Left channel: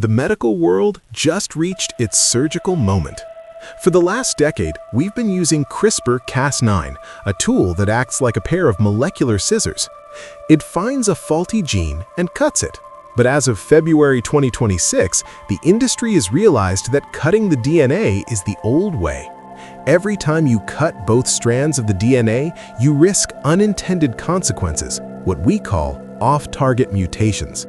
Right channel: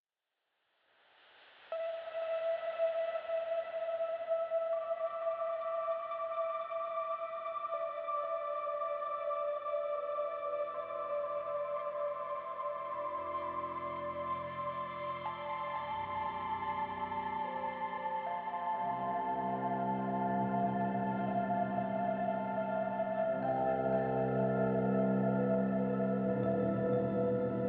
The medical world just reached its surgical moment. For the last decade, we've been using CRISPR-Cas9, a tool that acts like a pair of molecular scissors. It finds a faulty gene and cuts it. But as of February 2026, the industry has realized that cutting the DNA is the old way. Every time you cut both strands of the DNA, you risk unintended consequences, what we call off-target mutations.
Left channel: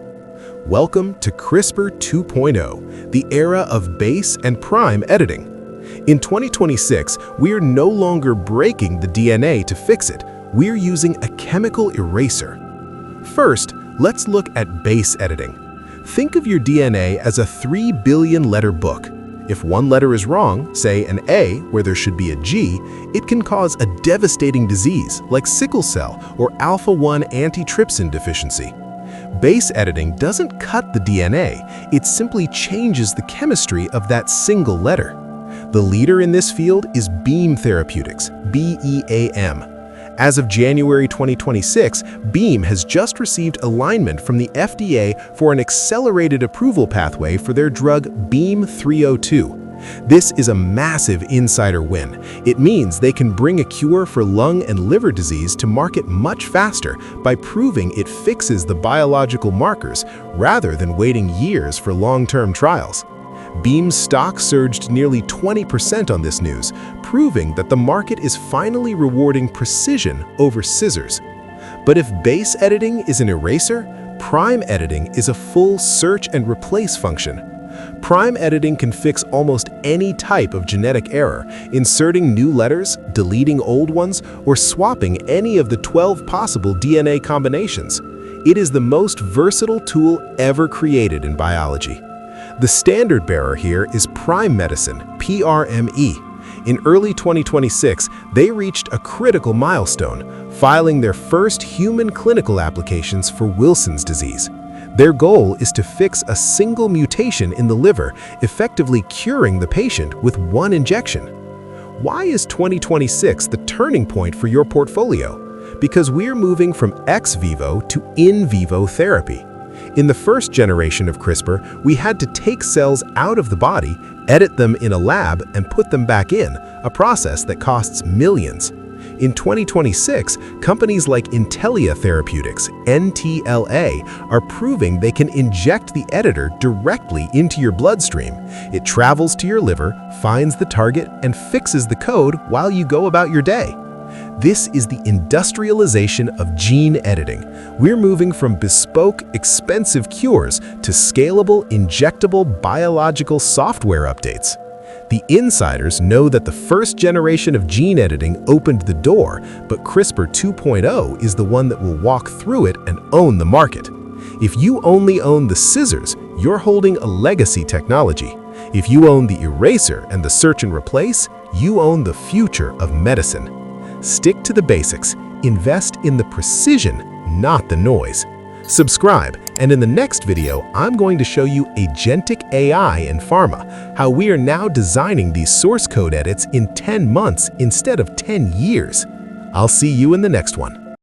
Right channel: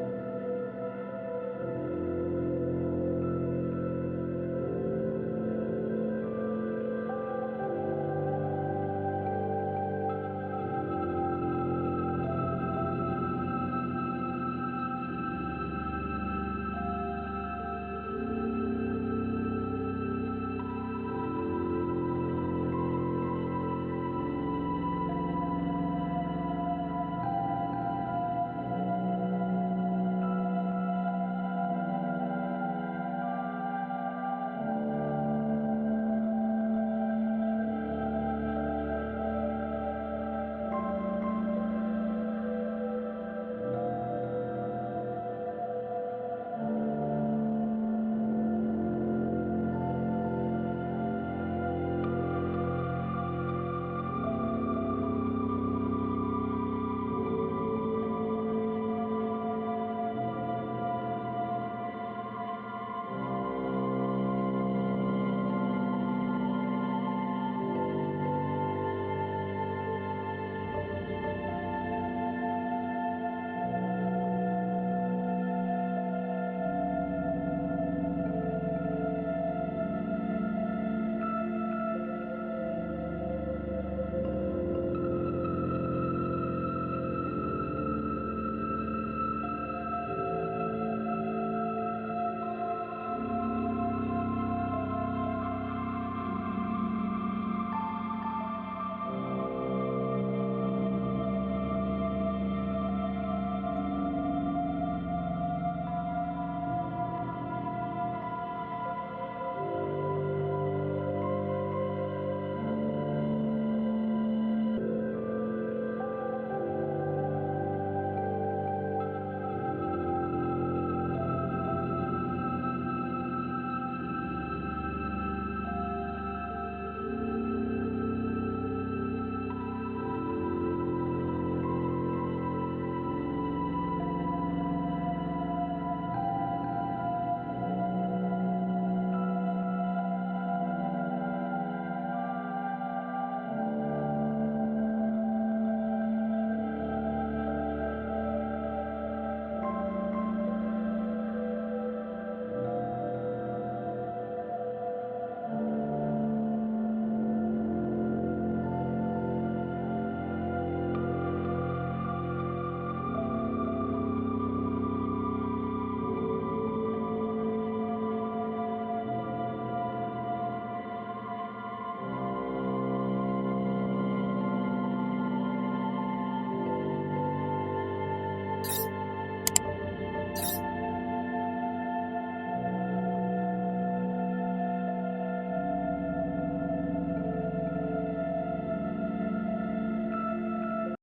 Welcome to CRISPR 2.0, the era of base and prime editing. In 2026, we are no longer breaking the DNA to fix it. We're using a chemical eraser. First, let's look at base editing. Think of your DNA as a 3 billion letter book. If one letter is wrong, say an A where there should be a G, it can cause a devastating disease like sickle cell or alpha-1 antitrypsin deficiency. Base editing doesn't cut the DNA, it simply changes the chemistry of that single letter. The leader in this field is Beam Therapeutics, BEAM. As of January 2026, Beam has just received alignment from the FDA for an accelerated approval pathway for their drug Beam 302. This is a massive insider win. It means they can bring a cure for lung and liver disease to market much faster by proving it fixes the biological markers rather than waiting years for long-term trials. Beam's stock surged nearly 20% on this news, proving that the market is finally rewarding precision over scissors. But if base editing is an eraser, prime editing is a full search and replace function. Prime editing can fix almost any type of genetic error, inserting new letters, deleting old ones, or swapping any of the 12 possible DNA combinations. It is the most versatile tool ever created in biology. The standard bearer here is Prime Medicine PRME. In early 2026, they reached a critical milestone, filing their first human clinical applications for Wilson's disease. Their goal is to fix a single mutation in the liver, effectively curing the patient with one injection. Why is 2026 the turning point for your portfolio? Because we're moving from ex vivo to in vivo therapy. In the first generation of CRISPR, we had to take cells out of the body, edit them in a lab, and put them back in, a process that costs millions. In 2026, companies like Intellia Therapeutics, NTLA, are proving they can inject the editor directly into your bloodstream. It travels to your liver, finds the target, and fixes the code while you go about your day. This is the industrialization of gene editing. We're moving from bespoke, expensive cures to scalable, injectable biological software updates. The insiders know that the first generation of gene editing opened the door, but CRISPR 2.0 is the one that will walk through it and own the market. If you only own the scissors, you're holding a legacy technology. If you own the eraser and the search and replace, you own the future of medicine. Stick to the basics, invest in the precision, not the noise. Subscribe, and in the next video, I'm going to show you agentic AI in pharma, how we are now designing these source code edits in 10 months instead of 10 years. I'll see you in the next one.